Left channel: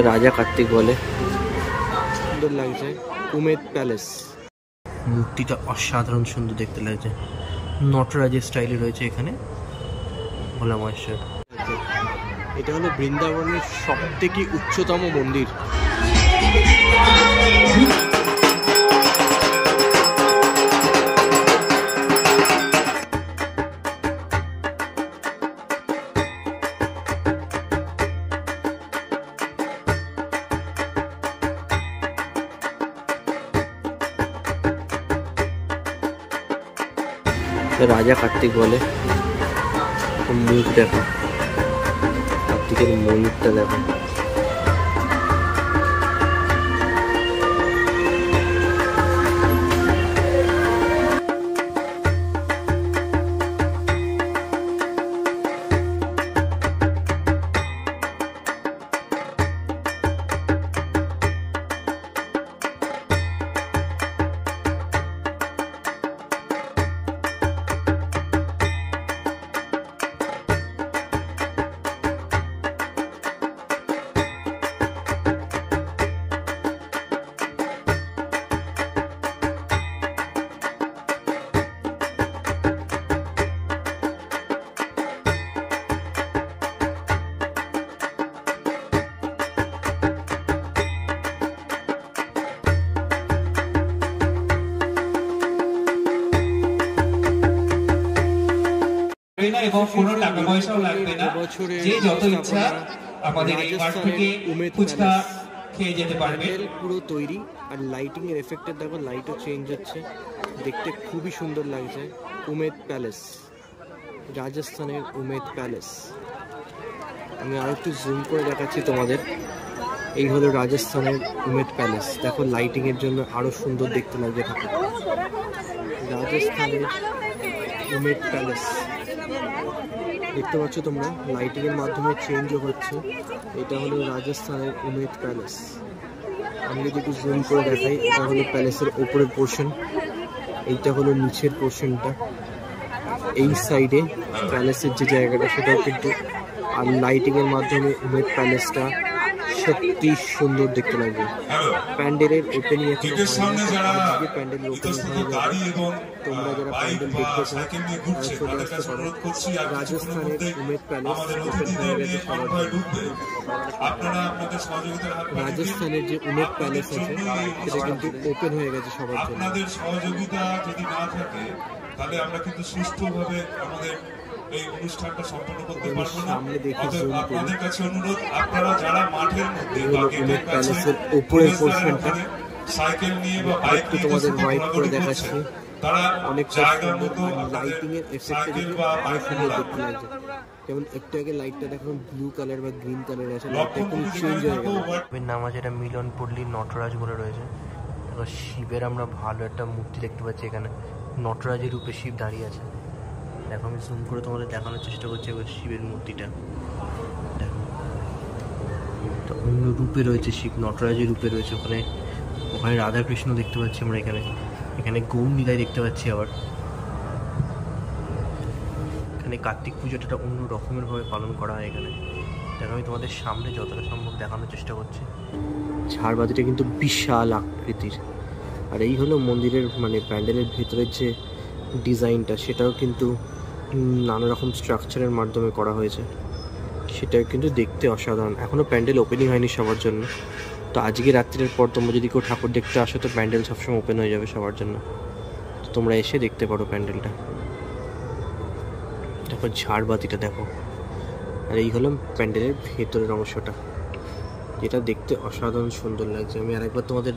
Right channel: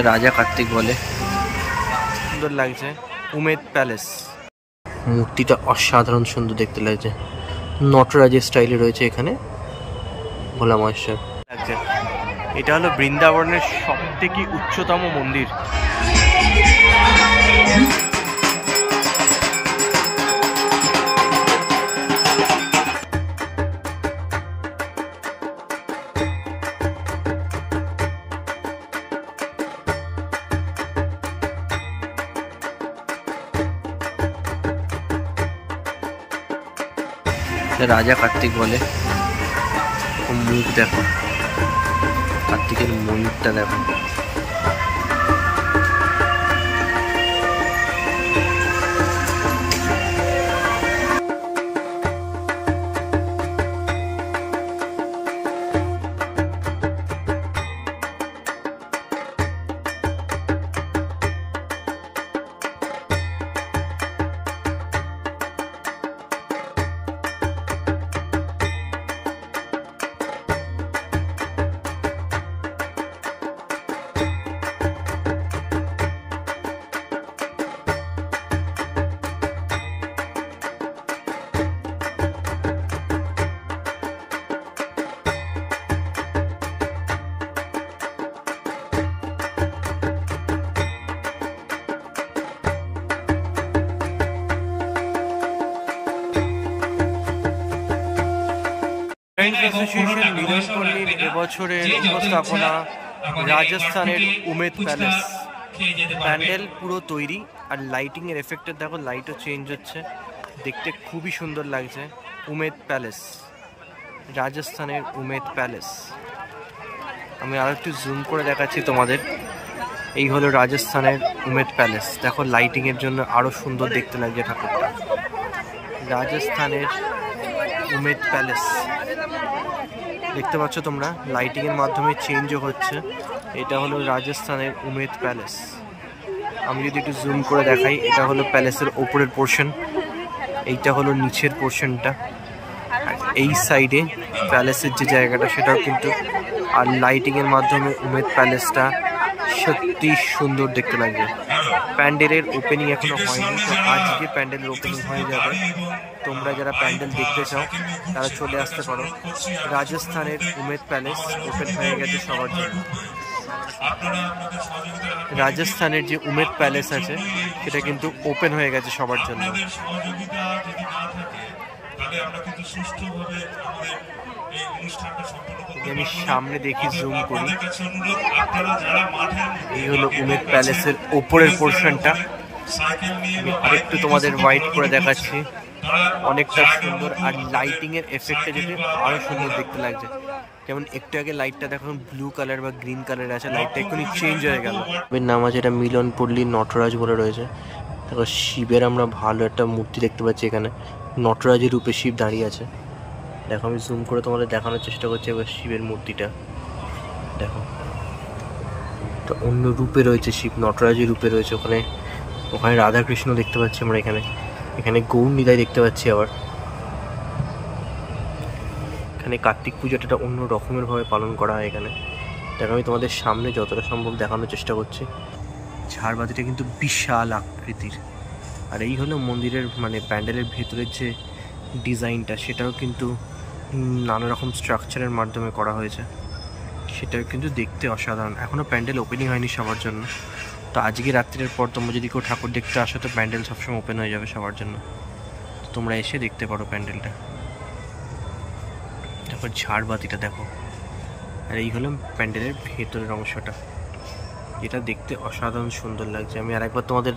রাজা কার্তিক বলে। সুন্দর লাগছে উমেদ প্যালেস। মূর্তিটা অসাধারণ সুন্দর দেখতে লাগছে, নটরাজের স্টাইলে রয়েছে এখানে ভোলা মহেশ্বর লাগছে। এটা হলো বৃন্দাবনের সবথেকে উচ্চতম মন্দির। রাজা কার্তিক বলে। মুখ দেখো, কার্তিকের ময়ূরটা দেখো। অ্যাসোসিয়েশন মিলনপল্লীর এবছরের উপস্থাপনা রাজস্থানের উমেদ প্যালেস। প্যান্ডেল পুরো তৈরি, আর লাইটিং এর এফেক্টের দেখো, লাইটও চেঞ্জ হচ্ছে, দেখতে খুবই সুন্দর লাগছে। উমেদ প্যালেস, রাজস্থানের উমেদ প্যালেস। আমি আরো একটু জুম করে দেখাচ্ছি তোমাদের। এই হলো রাজস্থানের উমেদ প্যালেস। দেখো লাইটিং এর জন্য আরো সুন্দর দেখতে লাগছে ঠাকুরটা। রাজস্থানের উমেদ প্যালেস দেখতে পাচ্ছ তোমরা, লাইটিং এর মাধ্যমে চেঞ্জও হচ্ছে। এটা হলো রাজস্থানের উমেদ প্যালেস। আমি যদি একটু জুম করে দেখাই, এটা হলো প্যালেসের ওপরের পোর্শন, এইটা হলো নিচের পোর্শনটা। এই সাইডে প্যালেসের যে জায়গাটা সেটাও কিন্তু, আর লাইটিং এর মাধ্যমে উমেদ প্যালেসটা সত্যি সুন্দর দেখতে লাগে। প্যান্ডেলের ওপেনিং এখনো হয়নি, তো আজকে প্যান্ডেলের ওপেনিং হয়ে যাবে। তোমরা যারা প্যান্ডেল দেখতে চাও তারা চলে আসতে পারো। রাজস্থানের উমেদ প্যালেস ওপেন হয়ে গেছে সবার জন্য। রাজস্থানের যে উমেদ প্যালেস আছে সেটা কিন্তু ওপেন হয়ে গেছে সবার জন্য। আমি সামনে দেখি, জুম করি, এই হলো উমেদ প্যালেসের ওপরের পোর্শনটা। আরেকটু তোমাদের হোয়াইট করে দেখাচ্ছি, অনেকটা সুন্দর। আর লাইটিং এর এফেক্টটা যদি আরো সুন্দর দেখতে লাগছে। যেমন একটু আগে লাইটটা দেখো ব্লু কালার বা গ্রিন কালার আছে, লাইটটা এখনই চেঞ্জ হয়ে গেল। এর নাম আছে এটা মিলনপল্লী নটরাজ বলে রয়েছে। দেখো শিবের আমরা ভালো একটা মূর্তি দেখতে পাচ্ছি এখানে, নটরাজের রূপে শিব দাঁড়িয়ে আছে। দেখো আমি জুম করে তোমাদের দেখানোর চেষ্টা করছি এবার শিবের মূর্তিটা। দেখো তো অন্য রূপে রয়েছে শিব, নটরাজের রূপে রয়েছে। ওখানে ওখানে রাধাকৃষ্ণ দেখতে পাচ্ছি আমরা, এখানে গৌর নিতাই দেখতে পাচ্ছি। আবার এখানে কার্তিক পুজোটা অন্য রকমের ভাবে পালন করা হয় এখানে। দেখো আমি তোমাদের সামনে যতটা সম্ভব দেখানোর চেষ্টা করছি। ঝাড়বাতিটা কিন্তু বিশাল আকৃতির। আর এই হলো মন্দিরের মানে প্যান্ডেলের ভেতরের যে ডিজাইনটা, সেটাও কিন্তু নানা রকম স্ট্রাকচারের মাধ্যমে করা হয়েছে, সেটাও কিন্তু দেখতে অসাধারণ। এখনও প্যান্ডেল ওপেনিং হয়নি সবার জন্য, তো আজকে রাত্রের পর তোমরা যদি কেউ ঠাকুর দেখতে আসো তো প্যান্ডেল সবসময় ওপেন হয়ে যাবে সবার জন্য, তোমরা এসে দেখতে পারো প্যান্ডেলটা। তারপর ঝাড়বাতিটা দেখো, আর এই হলো প্যান্ডেলের ভেতরের অংশটা, যেটা দেখতে অসাধারণ সুন্দর লাগছে। আমি আরেকবার তোমাদের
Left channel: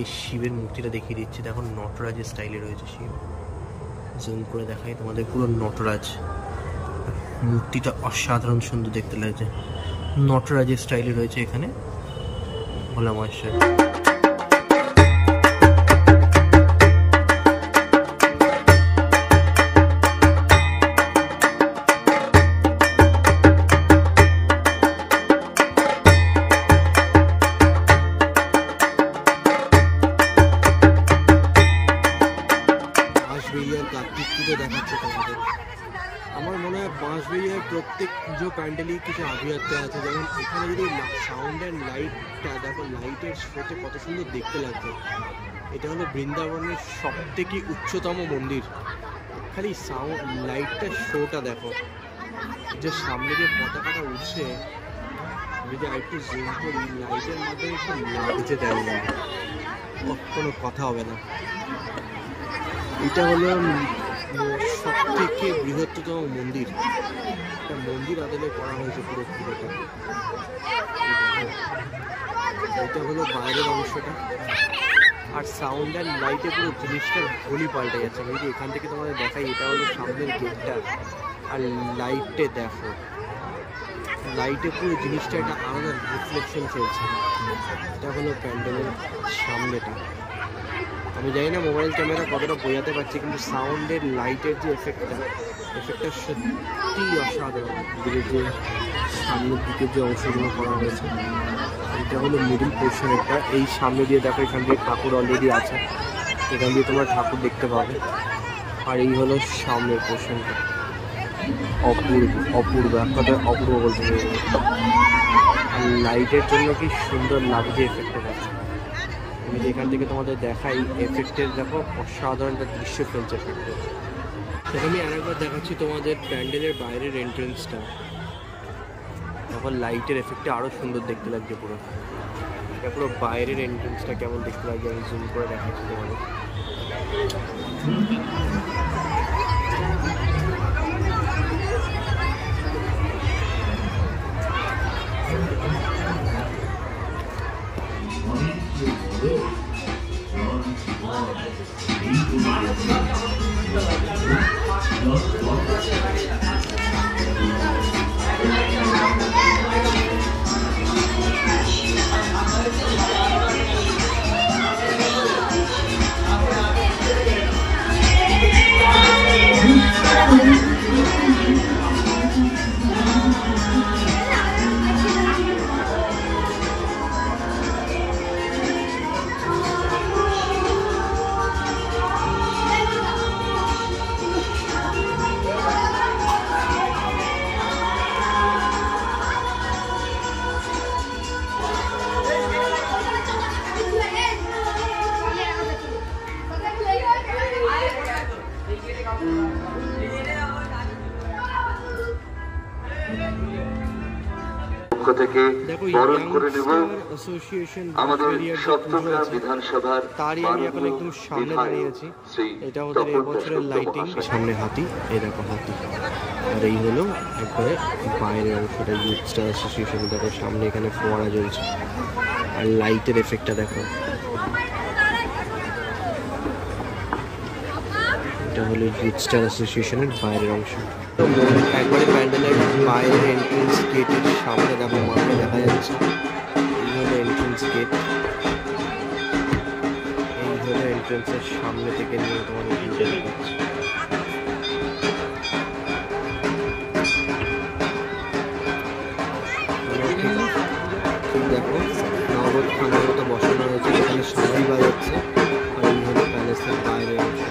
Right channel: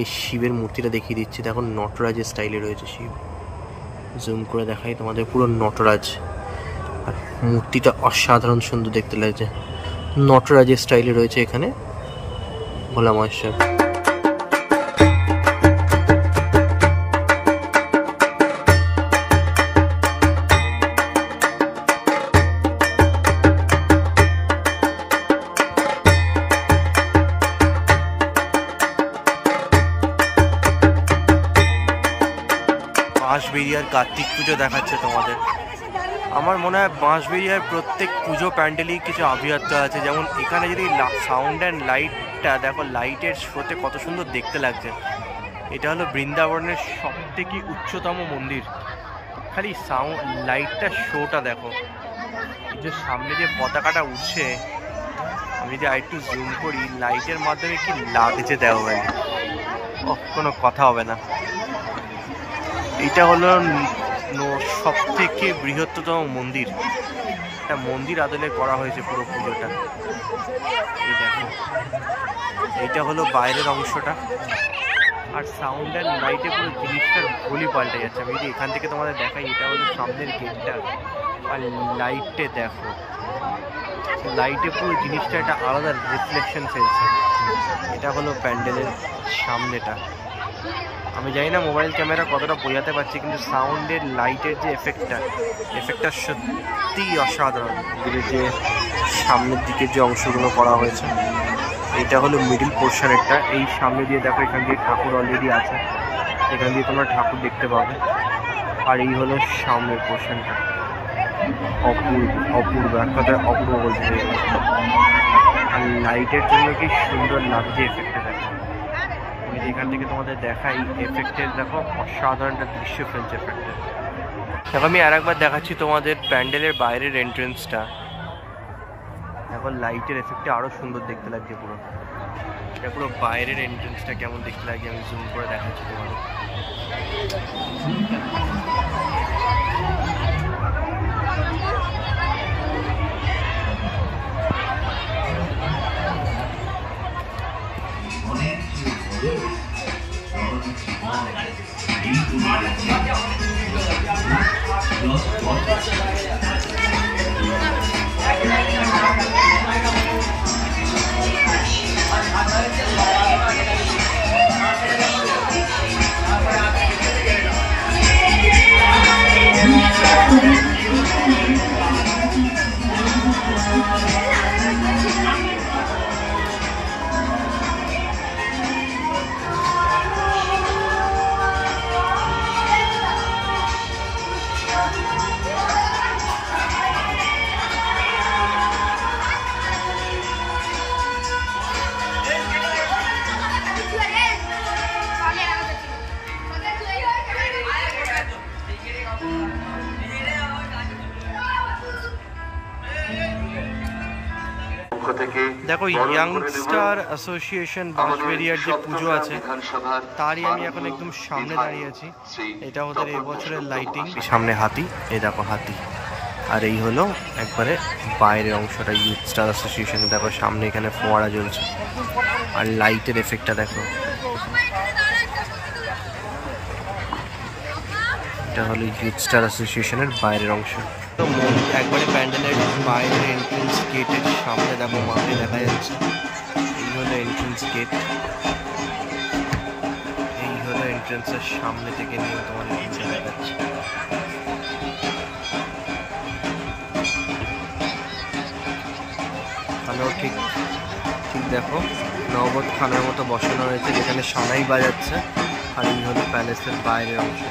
এই শিবের মূর্তিটা দেখিয়ে দিচ্ছি। দেখো নটরাজের স্টাইলে রয়েছে শিব, জুম করে দেখাই তোমাদের, পুরো নটরাজ। আর মূর্তিটা অসাধারণ সুন্দর দেখতে লাগছে, নটরাজের স্টাইলে রয়েছে এখানে ভোলা মহেশ্বর। বাঁশবেড়িয়ার কার্তিক পুজো দেখাচ্ছে তোমাদের। আমার মনে হয় বাঁশবেড়িয়ার প্রত্যেক পুজো প্যান্ডেলই কিছু আভিজাত্য আছে। যেমন এখানে যদি সাউন্ড অ্যান্ড লাইটটা দেখো, লাইটের শোতে কত সুন্দর দেখতে লাগছে। এটা হলো বৃন্দাবনের সব থেকে উচ্চতম মন্দির। খালি সাউন্ড লাইটটা শোটা দেখো, এই যে সামনে যে পতাকাটা উঠছে, আমি যদি আরেকটু জুম করি লাইটের মাধ্যমে কি লাগছে দেখো, মানে কোনো কথা হবে না। এটা হলো সব থেকে বৃহত্তম মন্দির, একটা মন্দির আদলে করা হয়েছে পুরো পুজোটা। এই দেখো, এইটা হলো বাইরের অংশটা, আর সাউন্ড অ্যান্ড লাইটে পুরো জিনিসটার ভুলই পাল্টে যাচ্ছে। আমি যদি এখান থেকে তোমাদের দেখাই, এটা হলো সামনের গেটটা, আর লাইটে দেখো, লাইটে পুরো জিনিসটা একটা আলাদা রিফ্লেকশন ফেলছে। এটা হলো প্যান্ডেলের সামনেটা। আমি জানি না মোবাইল ক্যামেরা কতটা বোঝাতে পারছি, কিন্তু সাউন্ডের লাইটের যে এফেক্টটা সত্যিই অসাধারণ। যে সামনের দিকে যে অংশগুলো করা হয়েছে, এইটা হলো মিডিল পোর্শনেরটা। এই সামনে দিয়ে দেখো, এখান দিয়ে ঠাকুর অলরেডি আছে, এখান দিয়ে তোমরা ঠাকুর দেখতে পাবে। আর এই হলো সামনের পোর্শনটা, অপূর্ব এক কথায় অপূর্ব বলতে চাই। আর লাইটের জন্য কি সুন্দর লাগছে এফেক্টটা দেখো। আমি যে এখান থেকে তোমাদের দেখাই এফেক্টের, দেখো অসাধারণ একটা দৃশ্য ফেলছে এফেক্টের। দেখো আমি আর একবার দেখাচ্ছি তোমাদের প্যান্ডেলের বাইরের এন্ট্রেন্সটা। দেখো লাইটের এফেক্টে আরও সুন্দর দেখতে লাগছে পুরো। এটা পুরো বাইরের এন্ট্রেন্সটা কেমন দেখতে লাগছে আমি জুম করে দেখাচ্ছি তোমাদের। দেখো ইয়াংস্টার অ্যাসোসিয়েশন বাঁশবেড়িয়ার যে পুজো আছে তারই আমি এখন একদম সামনে দাঁড়িয়ে আছি। এটা ওদের এবছরের লাইটিং। সামনে হাতি, এই দেখো হাতি। আর এই হলো একবারে বাইরের অংশটা ইয়ুথস্টার অ্যাসোসিয়েশনে। দেখো সামনে এখানে ফোয়ারা জ্বলছে, আর লাইটের এফেক্টটা দেখো। এটা হলো ইয়ুথস্টার অ্যাসোসিয়েশনের বাইরের অংশ। তো একবারে প্যান্ডেলের বাইরের এন্ট্রেন্স গেটের সামনে দেখো মাকে দেখা যাচ্ছে। এই হলো এন্ট্রেন্স গেট, এই হলো এন্ট্রেন্সের সামনে থেকে নিয়ে তোমাদের ভিতরে দেখাচ্ছে। হ্যালো, ঠিক দেখো নবদ খানার মতো বসানো হয়েছে, যেখানে সানাই বাজাচ্ছে। আর এই হলো প্যালেসের বাইরের অংশ।